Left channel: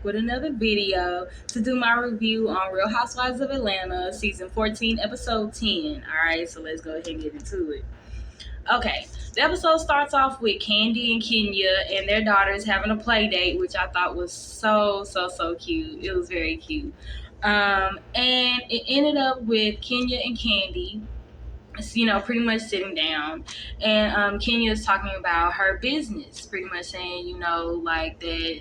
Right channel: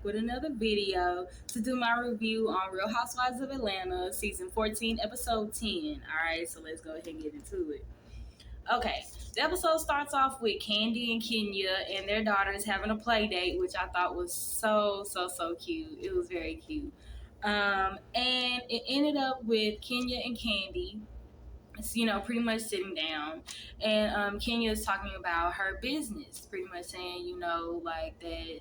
back with another video to do my review on Real Housewives of Atlanta, season 14, episode 10. Alright, so let's go ahead and get into it. Okay, the episode starts off with Candy and Kenya and their daughters having a play date, which I thought was so cute. It was very cute. And it ended up with Kenya and Candy, pretty much sitting down, and Kenya is talking about her business, pretty much saying, like that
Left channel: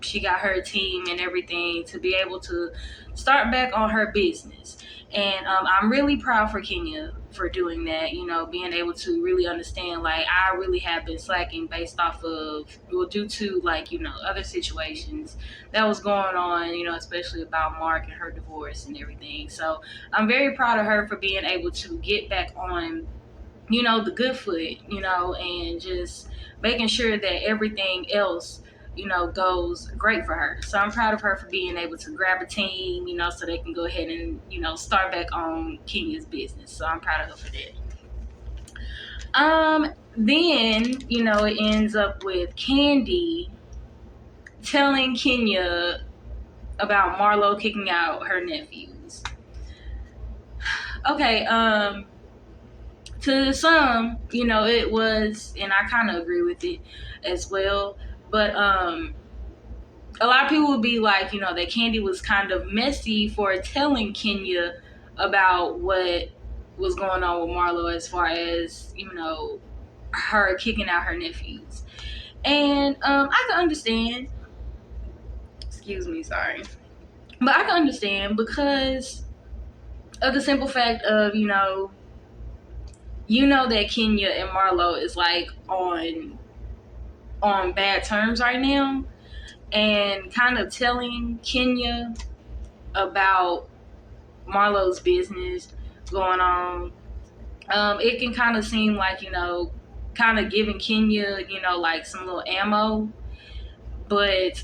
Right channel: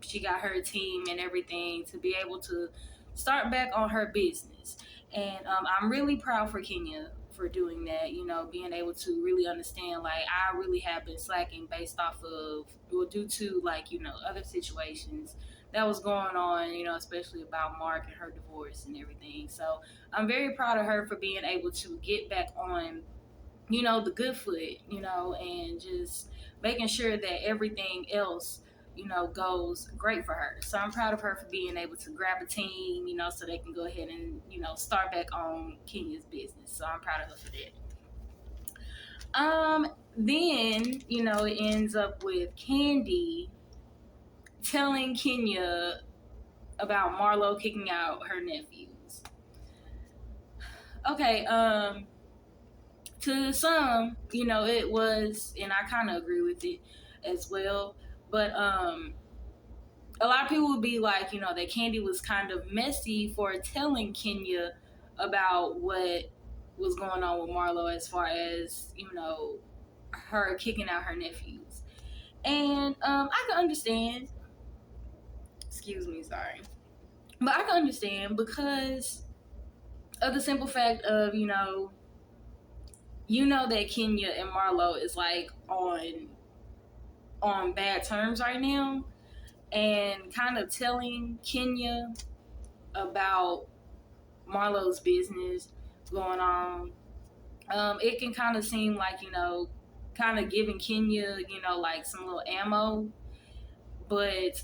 she got her team and everything to be able to start back on her business. And I'm really proud for Kenya for doing that, being able to really understand, like, I really have been slacking based off of, well, due to, like, other situations that was going on, especially about Mark and her divorce and everything. So I'm very proud of her for being able to get back on, the good foot, and just making sure that everything else, goes great for her. So I'm proud of her for being able to grab a team, so they can go ahead and, start back on Kenya's business. So I'm proud of her for that. Then, it ends up with Candy telling Kenya about Marlo kicking out her nephews. Okay, to some, it was, and I kind of agree with it as well. But a lot of people would be like, that Candy was kind of messy for telling Kenya about what was going on with Marlo as far as, her kicking out her nephews. And I can understand. Excuse me, sorry. But I can understand because of the simple fact of, that Kenya and Marlo is like on bad terms right now, and kind of telling Kenya about Marlo's business going on, it can kind of seem like, kind of giving Kenya, like some little ammo. But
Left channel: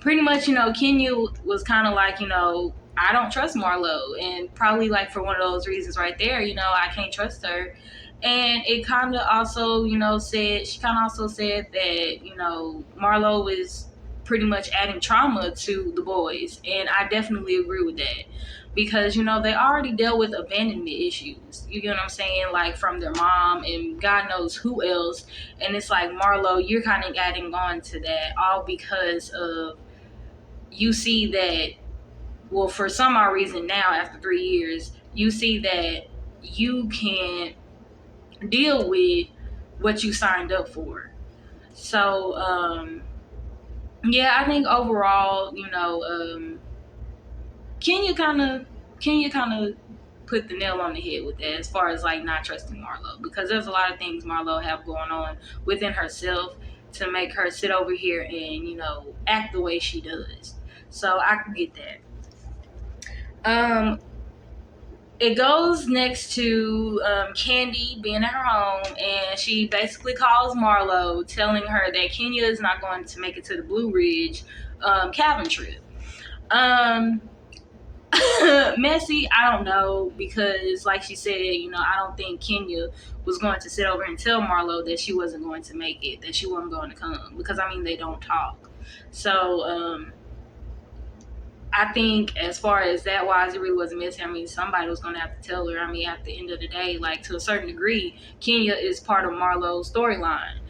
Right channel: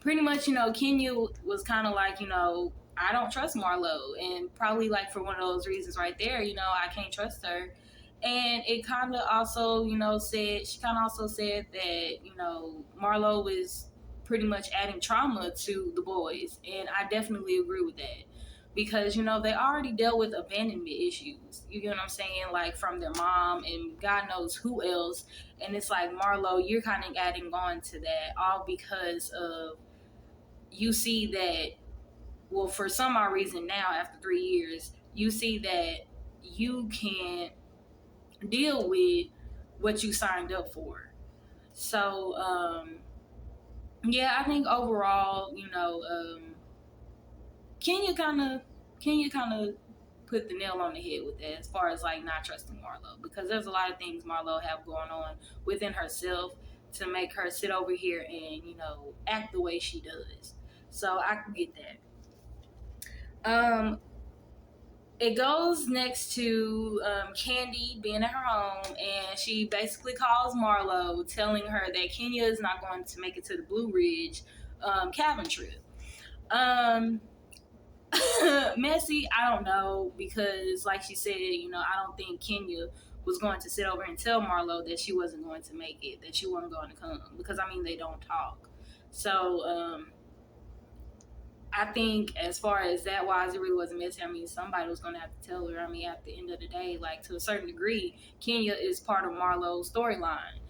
pretty much, Kenya was kind of like, I don't trust Marlo, and probably like for one of those reasons right there, I can't trust her. And it kind of also, she kind of also said that, Marlo is pretty much adding trauma to the boys. And I definitely agree with that. Because, they already dealt with abandonment issues. You get what I'm saying? Like from their mom and God knows who else. And it's like, Marlo, you're kind of adding on to that, all because of, you see that, well, for some odd reason now, after 3 years, you see that you can't deal with what you signed up for. So, yeah, I think overall, Kenya kind of put the nail on the head with that as far as like not trusting Marlo, because there's a lot of things Marlo have going on within herself to make her sit over here and, act the way she does. So I can get that. It goes next to Candy being at her home, and she basically calls Marlo, telling her that Kenya is not going to make it to the Blue Ridge cabin trip. Messy, I don't know, because like she said, I don't think Kenya was going to sit over and tell Marlo that she wasn't going to make it, that she wasn't going to come, because they don't talk. So I think as far as that wise, it really wasn't messy. Somebody was going to have to tell her. At the end of the day, like, to a certain degree, Kenya is part of Marlo's storyline,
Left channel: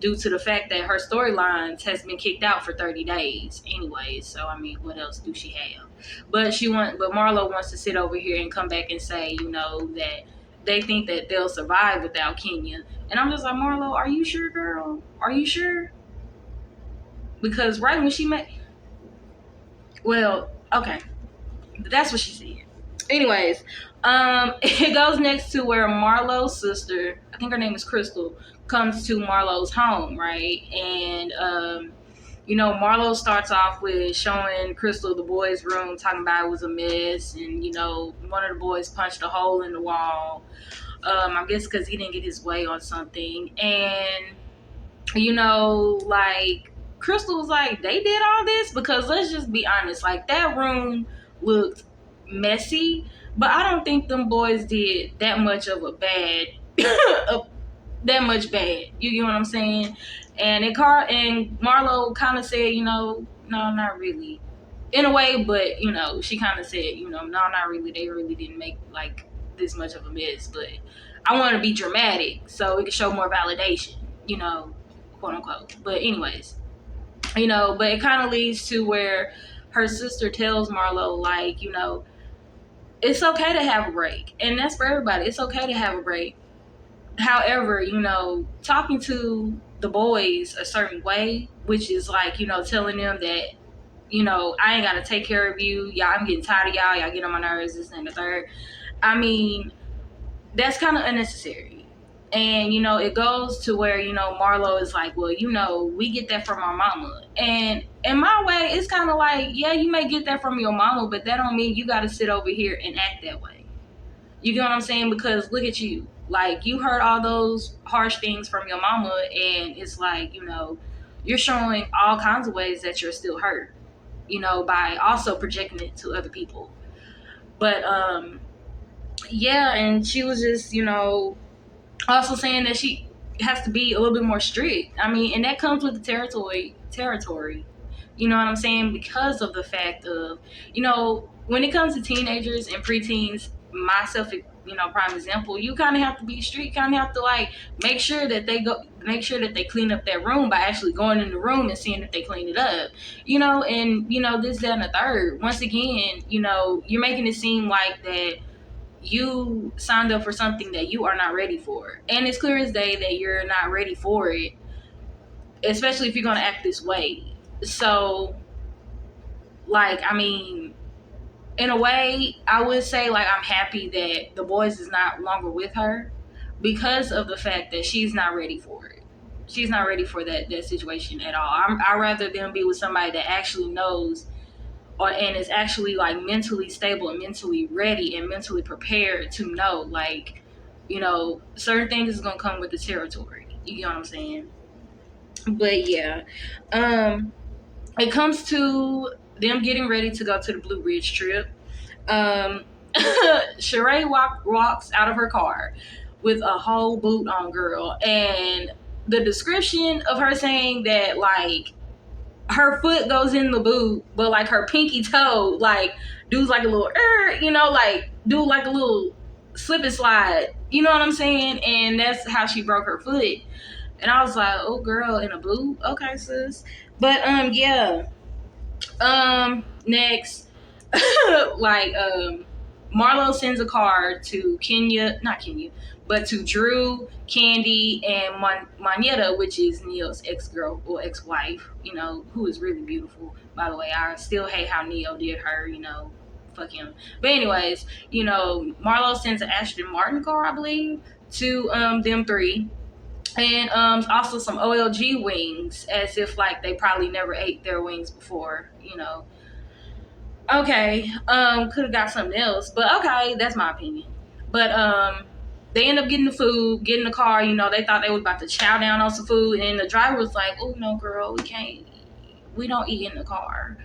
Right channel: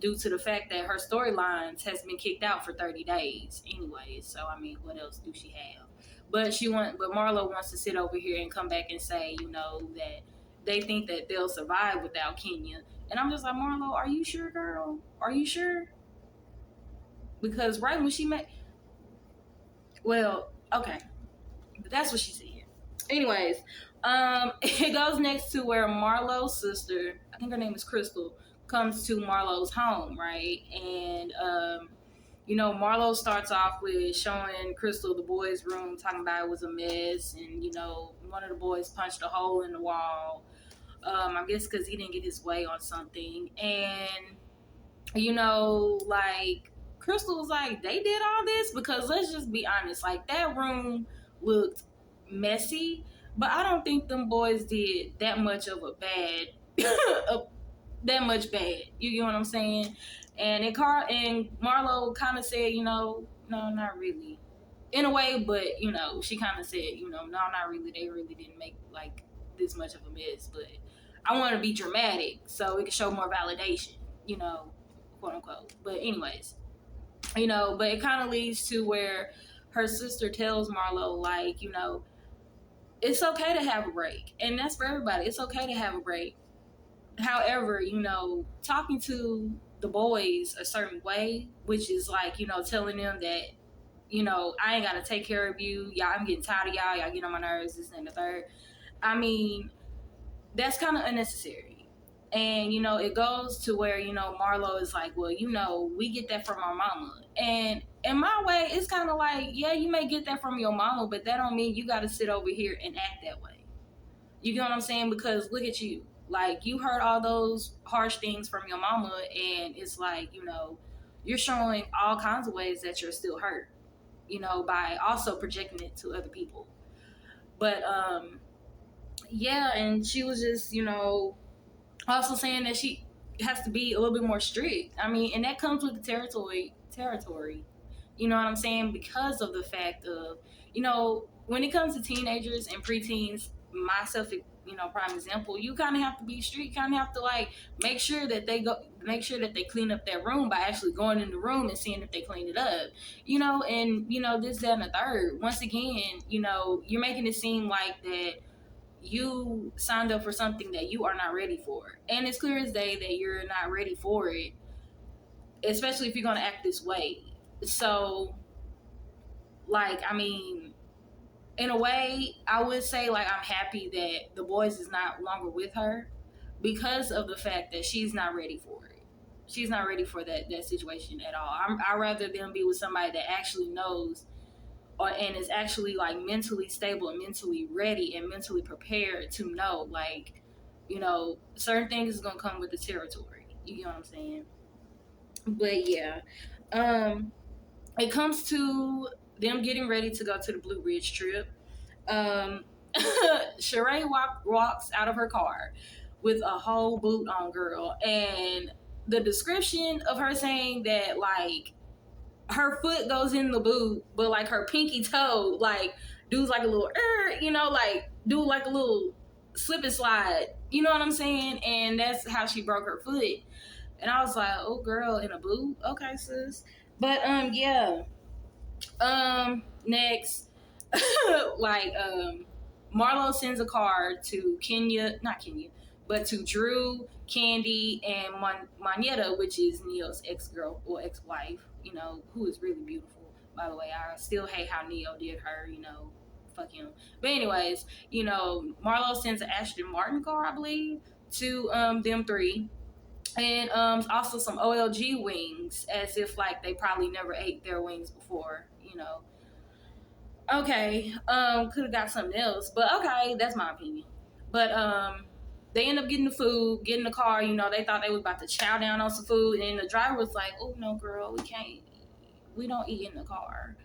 due to the fact that her storylines has been kicked out for 30 days anyway. So, what else do she have? But Marlo wants to sit over here and come back and say, that they think that they'll survive without Kenya. And I'm just like, Marlo, are you sure, girl? Are you sure? Because right when she met... Well, okay. That's what she said. Anyways, it goes next to where Marlo's sister, I think her name is Crystal, comes to Marlo's home, right? And, Marlo starts off with showing Crystal the boys' room, talking about it was a mess. And, one of the boys punched a hole in the wall. I guess because he didn't get his way on something. And, like... Crystal was like, they did all this? Because let's just be honest, like, that room looked messy, but I don't think them boys did that much of a bad that much bad. You get what I'm saying? And Marlo kind of said, no, not really, in a way, but she kind of said, no, not really. They really didn't make like this much of a mess, but I want to be dramatic so it can show more validation, quote unquote. But anyways, but it kind of leads to where her sister tells Marlo, like, it's okay to have a break, and that's for everybody. It's okay to have a break. However, talking to the boys a certain way, which is like, telling them that, I ain't got to take care of you. Y'all, I'm getting tired of y'all. Y'all get on my nerves, this and the third. I mean, that's kind of unnecessary. And, it goes to where, Marlo is like, well, we get that from our mama. And in my way, it's kind of like, yeah, you may get that from your mama, but that don't mean you got to sit over here and act that way. You get what I'm saying? Because look at you. Like, you heard all those harsh things from your mama, and it's like, you're showing all kinds of ways that you're still hurt, by also projecting it to other people. But, yeah, and she was just, also saying that she has to be a little bit more strict. I mean, and that comes with the territory. You know what I'm saying? Because of the fact of, when it comes to teenagers and preteens, myself, prime example, you kind of have to be strict. Kind of have to like make sure that they clean up their room by actually going in the room and seeing if they clean it up. And this, that, and the third. Once again, you're making it seem like that you signed up for something that you are not ready for. And it's clear as day that you're not ready for it, especially if you're going to act this way. So, like, I mean, in a way, I would say, like, I'm happy that the boys is not longer with her because of the fact that she's not ready for it. She's not ready for that situation at all. I'd rather them be with somebody that actually knows and is actually like mentally stable and mentally ready and mentally prepared to know, like, certain things is gonna come with the territory. You get what I'm saying? But yeah, it comes to them getting ready to go to the Blue Ridge trip. Sheree walks out of her car with a whole boot on, girl, and the description of her saying that, like, her foot goes in the boot, but like her pinky toe, like, does like a little, like do like a little slip and slide. You know what I'm saying? And that's how she broke her foot. And I was like, oh, girl, in a boot? Okay, sis. But yeah. Next, like, Marlo sends a card to not Kenya, but to Drew, Candy, and Moneta, which is Neo's ex-girl or ex-wife, who is really beautiful, by the way. I still hate how Neo did her, fuck him. But anyways, Marlo sends an Ashton Martin card, I believe, to them three. And also some OLG wings, as if like they probably never ate their wings before, Okay, could have got something else, but okay, that's my opinion. But they end up getting the food, getting the car. They thought they was about to chow down on some food, and the driver was like, "Oh no, girl, we can't. We don't eat in the car."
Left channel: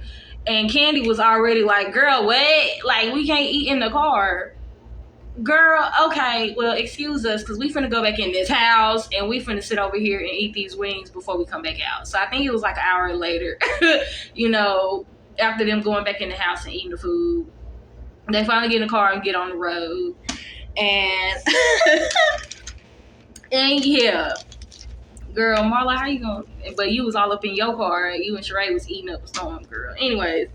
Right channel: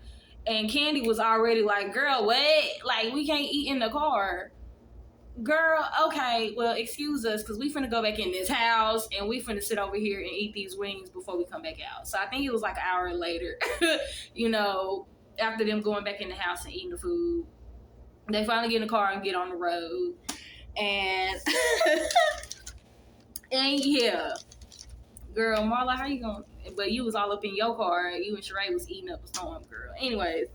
And Candy was already like, "Girl, what? Like, we can't eat in the car." Girl, okay, well, excuse us, because we finna go back in this house, and we finna sit over here and eat these wings before we come back out. So I think it was like an hour later, after them going back in the house and eating the food. They finally get in the car and get on the road. And, and yeah. Girl, Marla, how you going? But you was all up in your car, and you and Sheree was eating up a storm, girl. Anyways,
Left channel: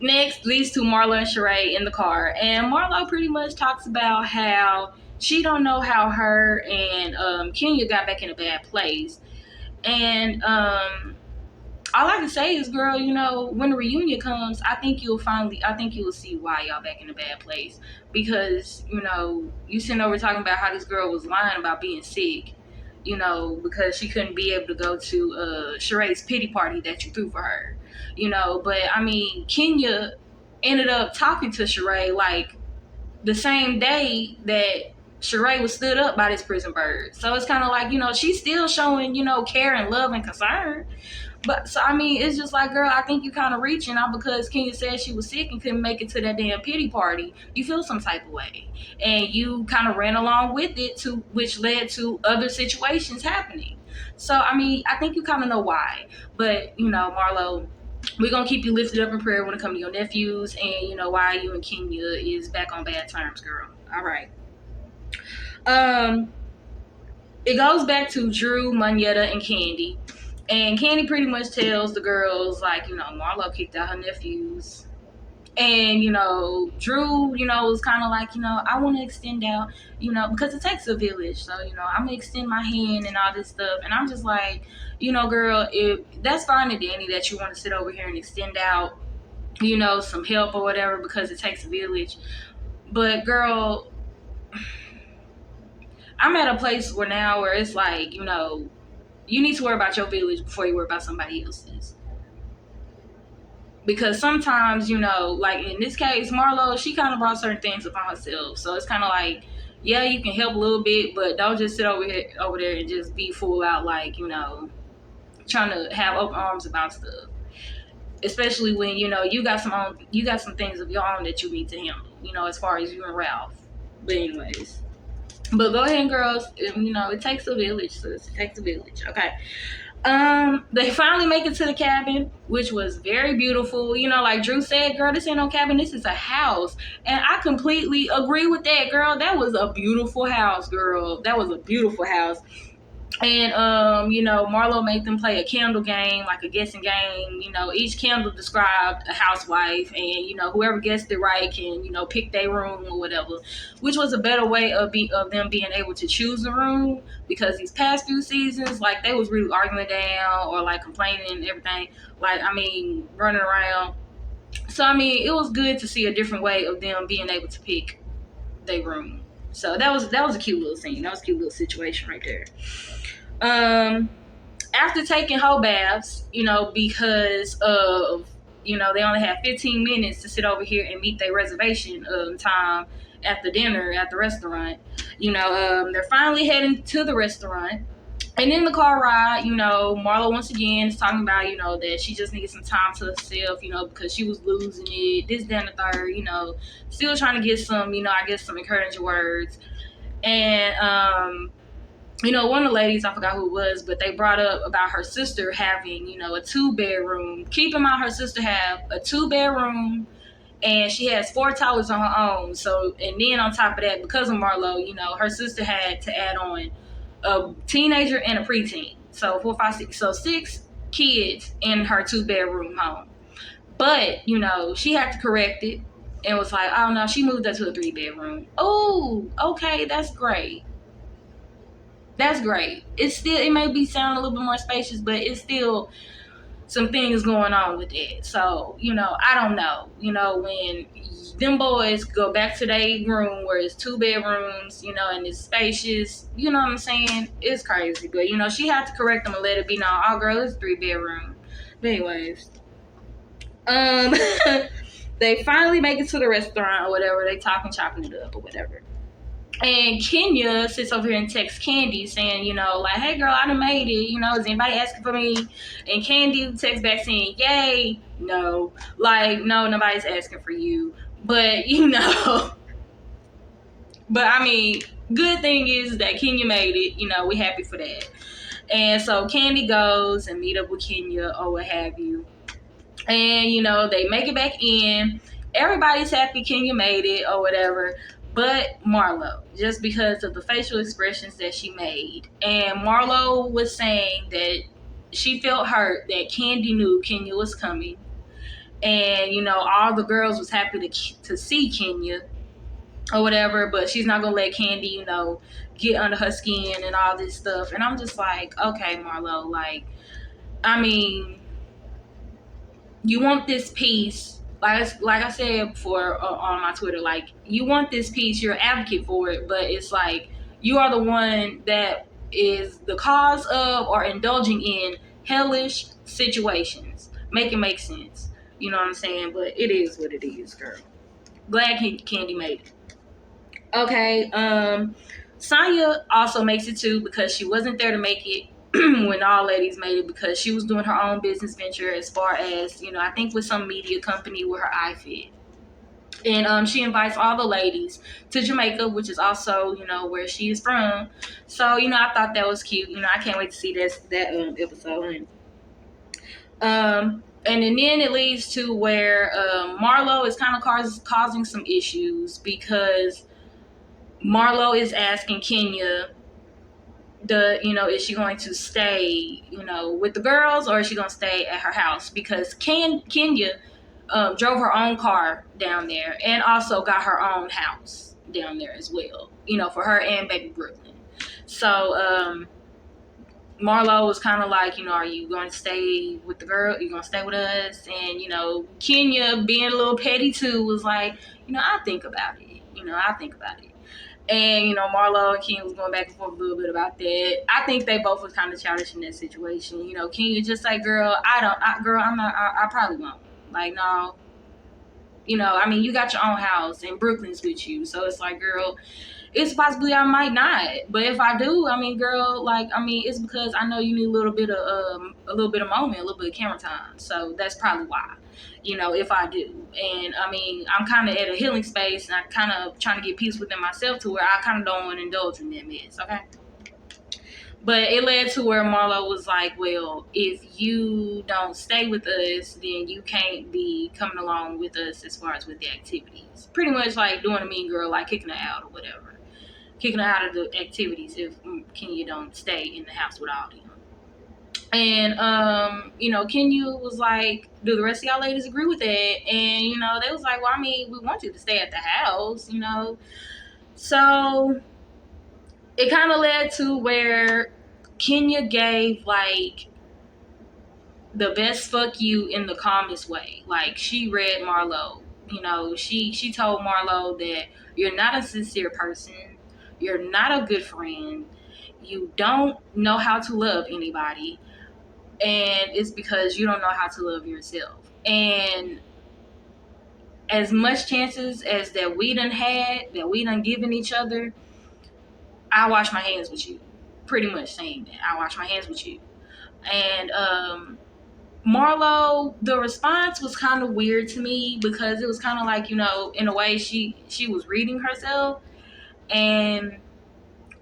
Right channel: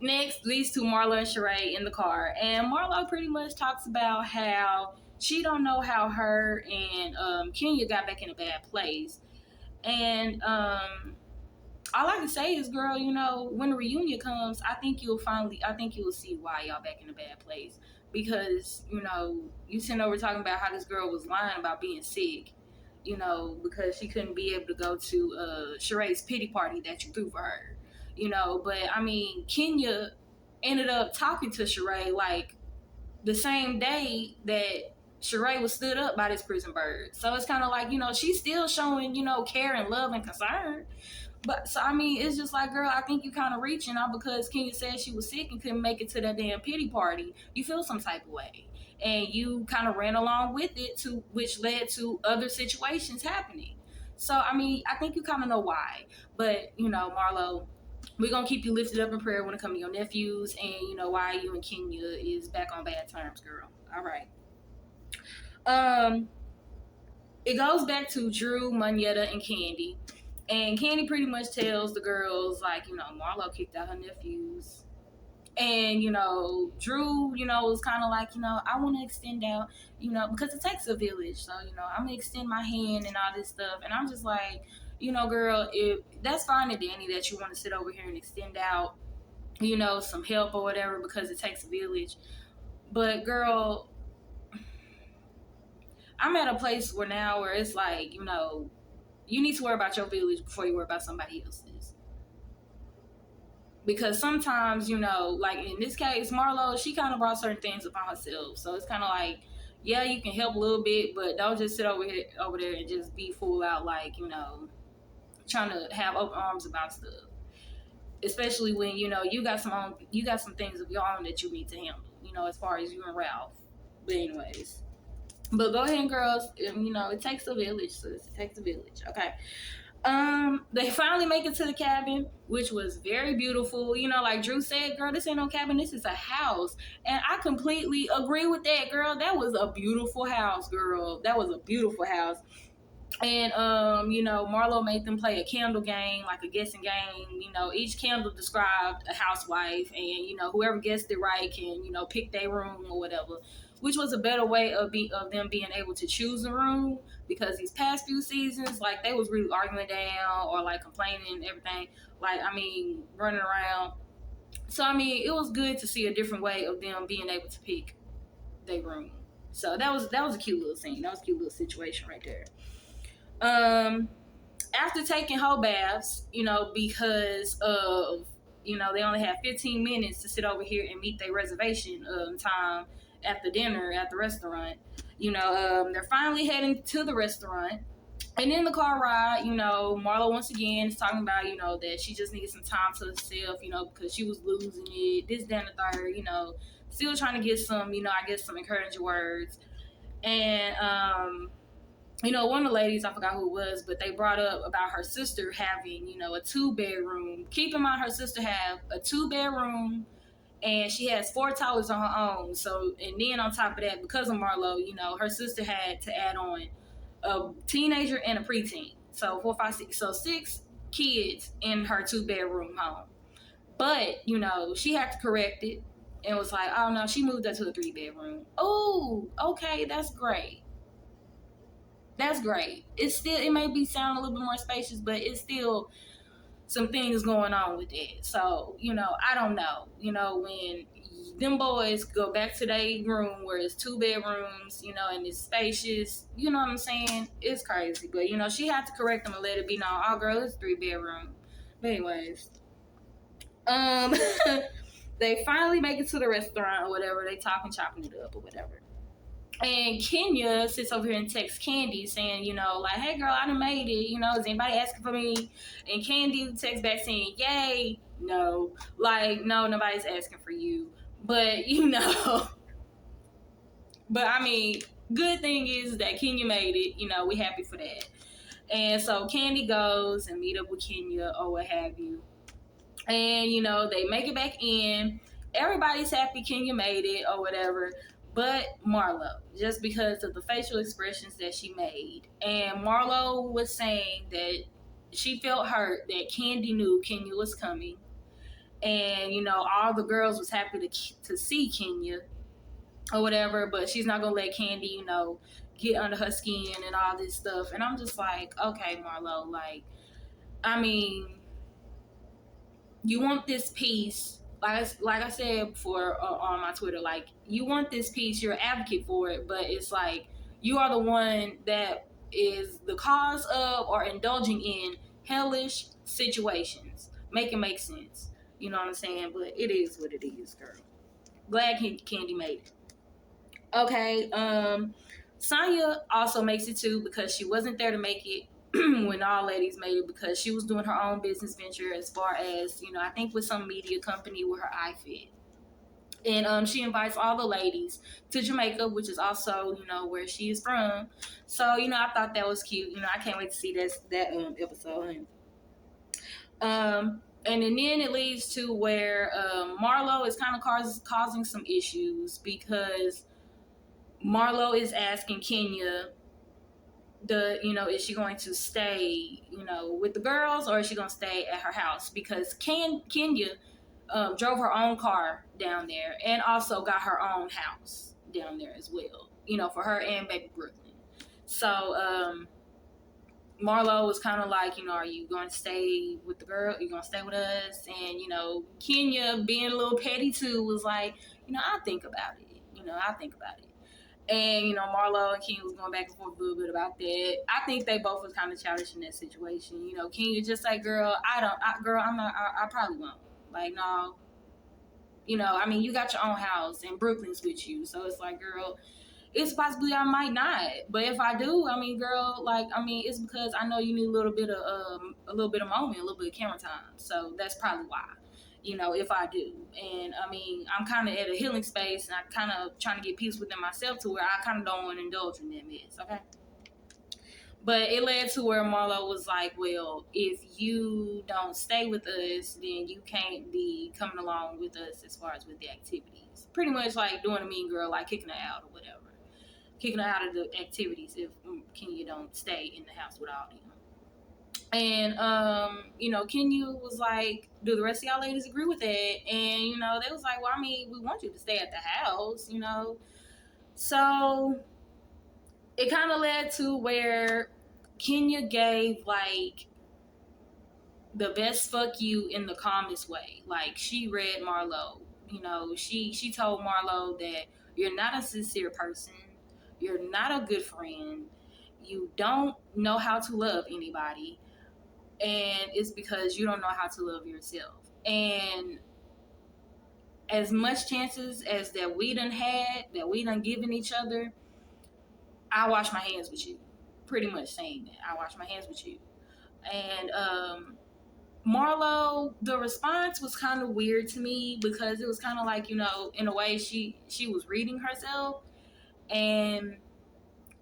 next leads to Marla and Sheree in the car, and Marla pretty much talks about how she don't know how her and Kenya got back in a bad place, and all I can say is, girl, when the reunion comes, I think you'll see why y'all back in a bad place, because you sitting over talking about how this girl was lying about being sick, because she couldn't be able to go to Sheree's pity party that you threw for her. But I mean, Kenya ended up talking to Sheree like the same day that Sheree was stood up by this prison bird. So it's kind of like, she's still showing, care and love and concern. But so I mean, it's just like, girl, I think you kind of reaching out because Kenya said she was sick and couldn't make it to that damn pity party. You feel some type of way, and you kind of ran along with it, to which led to other situations happening. So I mean, I think you kind of know why. But you know, Marlo, we're gonna keep you lifted up in prayer when it comes to your nephews, and you know why you and Kenya is back on bad terms, girl. All right. Um, it goes back to Drew, Moneta, and Candy. And Candy pretty much tells the girls, like, you know, Marlo kicked out her nephews. And, you know, Drew, you know, was kind of like, you know, I want to extend out, you know, because it takes a village. So, you know, I'm going to extend my hand and all this stuff. And I'm just like, you know, girl, if that's fine and dandy that you want to sit over here and extend out, you know, some help or whatever because it takes a village. But, girl, I'm at a place where it's like, you know, you need to worry about your village before you worry about somebody else's. Because sometimes, you know, like in this case, Marlo, she kind of brought certain things upon herself. So it's kind of like, yeah, you can help a little bit, but don't just sit over there and just be full out, like, you know, trying to have open arms about stuff. Especially when, you know, you got some things of your own that you need to handle, you know, as far as you and Ralph. But anyways, but go ahead, girls. You know, it takes a village, sis. It takes a village. Okay. They finally make it to the cabin, which was very beautiful. You know, like Drew said, girl, this ain't no cabin, this is a house. And I completely agree with that, girl. That was a beautiful house, girl. That was a beautiful house. And you know, Marlo made them play a candle game, like a guessing game. You know, each candle described a housewife, and you know, whoever guessed it right can, you know, pick their room or whatever. Which was a better way of them being able to choose a room, because these past few seasons, like, they was really arguing down or like complaining and everything. Like, I mean, running around. So I mean, it was good to see a different way of them being able to pick their room. So that was a cute little scene. That was a cute little situation right there. After taking whole baths, you know, because of, you know, they only had 15 minutes to sit over here and meet their reservation time at the dinner at the restaurant. You know, they're finally heading to the restaurant. And in the car ride, you know, Marlo once again is talking about, you know, that she just needed some time to herself, you know, because she was losing it, this, that, and the third, you know, still trying to get some, you know, I guess some encouraging words. And you know, one of the ladies, I forgot who it was, but they brought up about her sister having, you know, a 2-bedroom. Keep in mind, her sister have a 2-bedroom, and she has 4 toilets on her own. So, and then on top of that, because of Marlo, you know, her sister had to add on a teenager and a preteen. So 4, 5, 6. So 6 kids in her 2-bedroom home. But, you know, she had to correct it and was like, oh no, she moved up to a 3-bedroom. Oh, okay, that's great. That's great. It may be sounding a little bit more spacious, but it's still some things going on with it. So, you know, I don't know. You know, when them boys go back to their room where it's 2 bedrooms, you know, and it's spacious, you know what I'm saying? It's crazy. But, you know, she had to correct them and let it be known, oh girl, it's 3-bedroom. But anyways. They finally make it to the restaurant or whatever. They talking, chopping it up or whatever. And Kenya sits over here and texts Candy saying, you know, like, hey girl, I done made it. You know, is anybody asking for me? And Candy texts back saying, yay. No. Like, no, nobody's asking for you. But, you know, but I mean, good thing is that Kenya made it. You know, we happy for that. And so Candy goes and meet up with Kenya or what have you. And, you know, they make it back in. Everybody's happy Kenya made it or whatever. But Marlo, just because of the facial expressions that she made. And Marlo was saying that she felt hurt that Candy knew Kenya was coming. And, you know, all the girls was happy to see Kenya or whatever. But she's not going to let Candy, you know, get under her skin and all this stuff. And I'm just like, okay, Marlo, like, I mean, you want this piece, like I said before on my Twitter, like, you want this piece, you're an advocate for it, but it's like you are the one that is the cause of or indulging in hellish situations. Make it make sense. You know what I'm saying? But it is what it is, girl. Glad Candy made it. Okay, Sonya also makes it too because she wasn't there to make it. when all ladies made it, because she was doing her own business venture as far as, I think with some media company with her iFit. And she invites all the ladies to Jamaica, which is also, where she is from. So, I thought that was cute. I can't wait to see that episode. And then it leads to where Marlo is kind of causing some issues, because Marlo is asking Kenya, is she going to stay, with the girls, or is she going to stay at her house? Because Kenya drove her own car down there and also got her own house down there as well, for her and baby Brooklyn. So Marlo was kind of like, are you going to stay with the girl? Are you going to stay with us? And, Kenya, being a little petty too, was like, I'll think about it. I'll think about it. And, Marlo and Kenya was going back and forth a little bit about that. I think they both was kind of childish in that situation. Kenya just like, girl, I'm not, I probably won't. Like, no. You got your own house and Brooklyn's with you. So it's like, girl, it's possibly I might not. But if I do, girl, it's because I know you need a little bit of moment, a little bit of camera time. So that's probably why. If I do. And I'm kind of at a healing space, and I'm kind of trying to get peace within myself to where I kind of don't want to indulge in that mess, okay? But it led to where Marlo was like, well, if you don't stay with us, then you can't be coming along with us as far as with the activities. Pretty much like doing a mean girl, like kicking her out or whatever. Kicking her out of the activities if Kenya don't stay in the house with all them. And, Kenya was like, do the rest of y'all ladies agree with that? And, they was like, well, we want you to stay at the house, So it kind of led to where Kenya gave, like, the best fuck you in the calmest way. Like, she read Marlo. She told Marlo that you're not a sincere person. You're not a good friend. You don't know how to love anybody. And it's because you don't know how to love yourself. And as much chances as that we done had, that we done given each other, I wash my hands with you. Pretty much saying that. I wash my hands with you. And Marlo, the response was kind of weird to me, because it was kind of like, in a way she was reading herself. And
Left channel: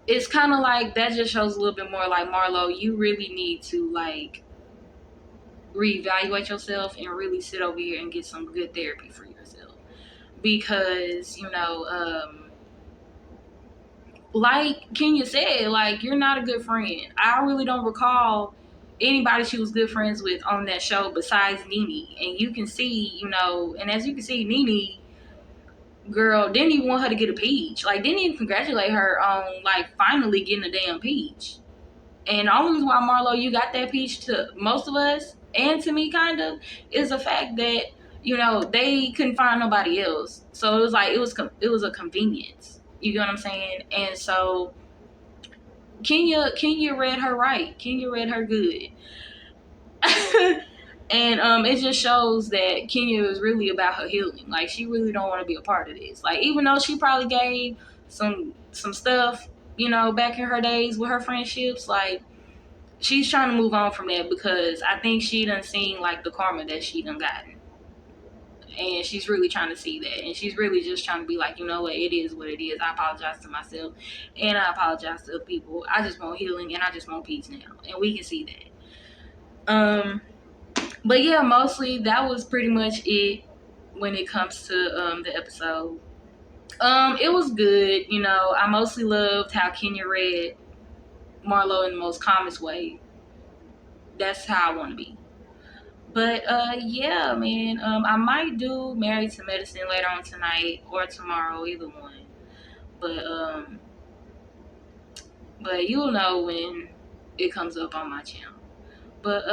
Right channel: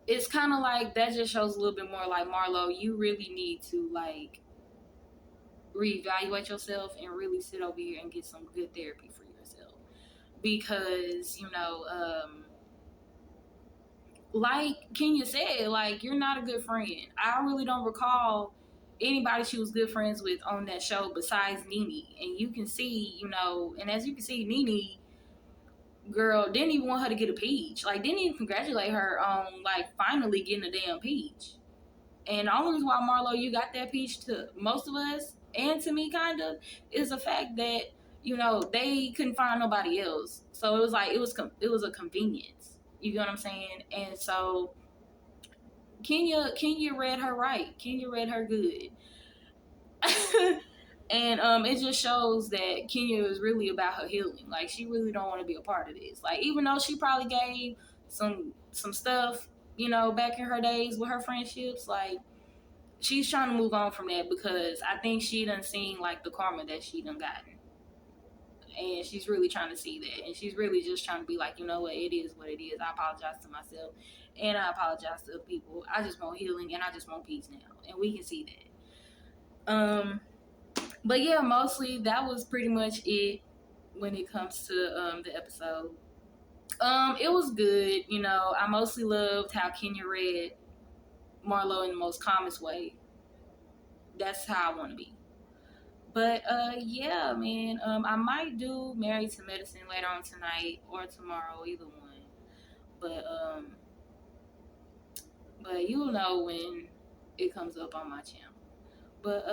it's kind of like, that just shows a little bit more like, Marlo, you really need to, like, reevaluate yourself and really sit over here and get some good therapy for yourself. Because, like Kenya said, like, you're not a good friend. I really don't recall anybody she was good friends with on that show besides Nene. And you can see, and as you can see, Nene, girl, didn't even want her to get a peach. Like, didn't even congratulate her on, like, finally getting a damn peach. And the only reason why, Marlo, you got that peach to most of us, and to me kind of, is the fact that, they couldn't find nobody else. So it was like, it was a convenience. You get what I'm saying? And so Kenya read her right. Kenya read her good. And it just shows that Kenya is really about her healing. Like, she really don't want to be a part of this. Like, even though she probably gave some stuff, back in her days with her friendships, like, she's trying to move on from that, because I think she done seen, like, the karma that she done gotten. And she's really trying to see that. And she's really just trying to be like, you know what, it is what it is. I apologize to myself. And I apologize to people. I just want healing, and I just want peace now. And we can see that. But yeah, mostly that was pretty much it when it comes to the episode. It was good. I mostly loved how Kenya read Marlo in the most calmest way. That's how I want to be. But yeah, man, I might do Married to Medicine later on tonight or tomorrow, either one. But you'll know when it comes up on my channel. But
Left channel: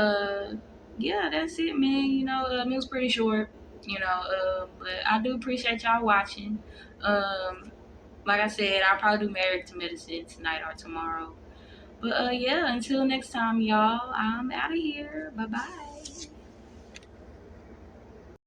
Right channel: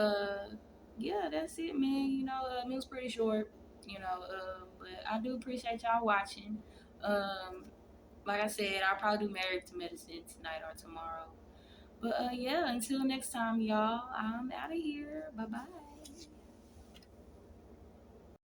yeah, that's it, man. It was pretty short. But I do appreciate y'all watching. Like I said, I'll probably do Married to Medicine tonight or tomorrow. But yeah, until next time, y'all, I'm out of here. Bye bye.